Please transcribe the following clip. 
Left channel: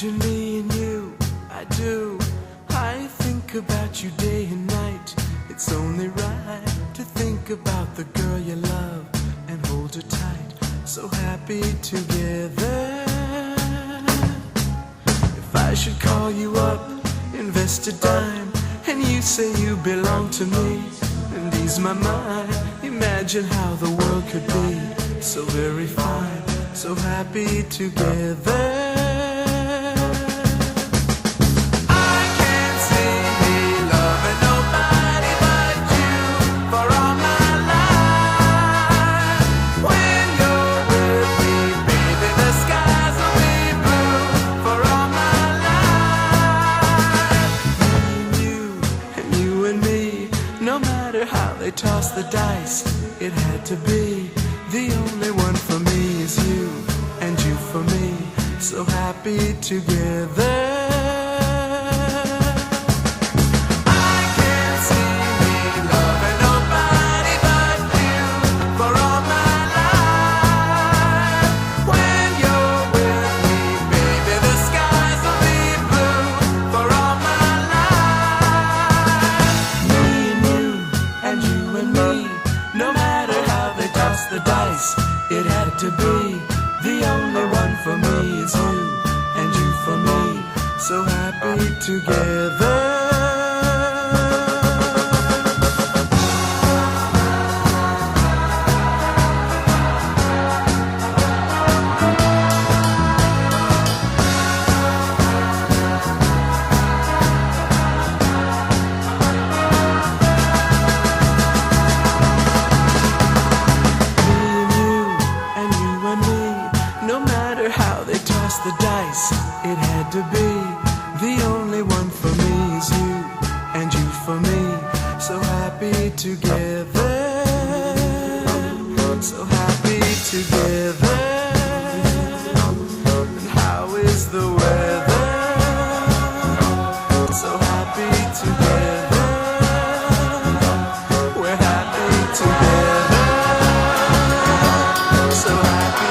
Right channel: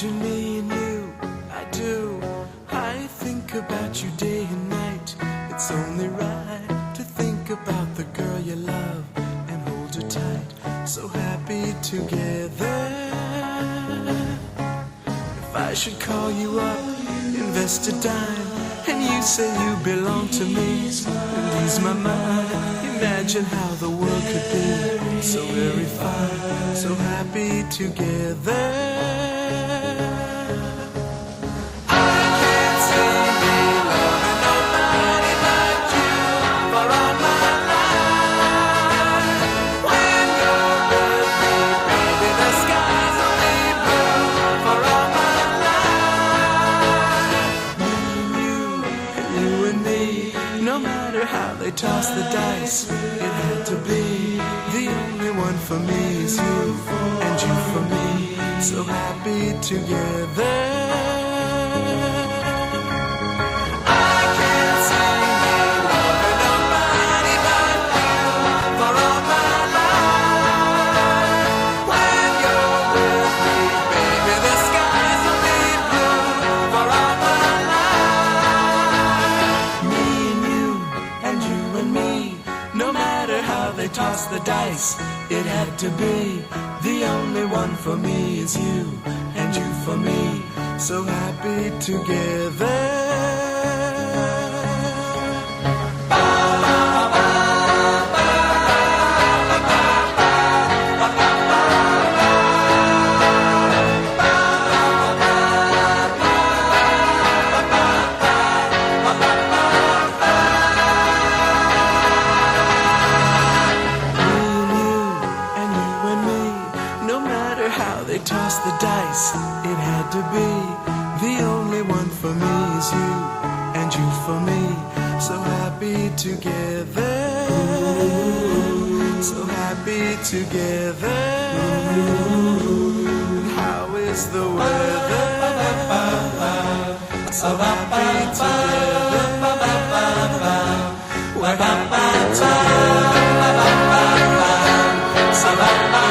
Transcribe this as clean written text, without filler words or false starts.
Imagine me and you, I do. I think about you day and night. It's only right to think about the girl you love and hold her tight. So happy together. If I should call you up, invest a dime, and you say you belong to me and ease my mind, imagine how the world could be so very fine, so happy together. No matter how they toss the dice, it had to be. The only one for me is you, and you for me, so happy together. No matter how they toss the dice, it had to be. The only one for me is you, and you for me, so happy together. No matter how they toss the dice, it had to be. The only one for me is you, and you for me, so happy together. So happy together. And how is the weather? So happy together. We're happy together. So happy.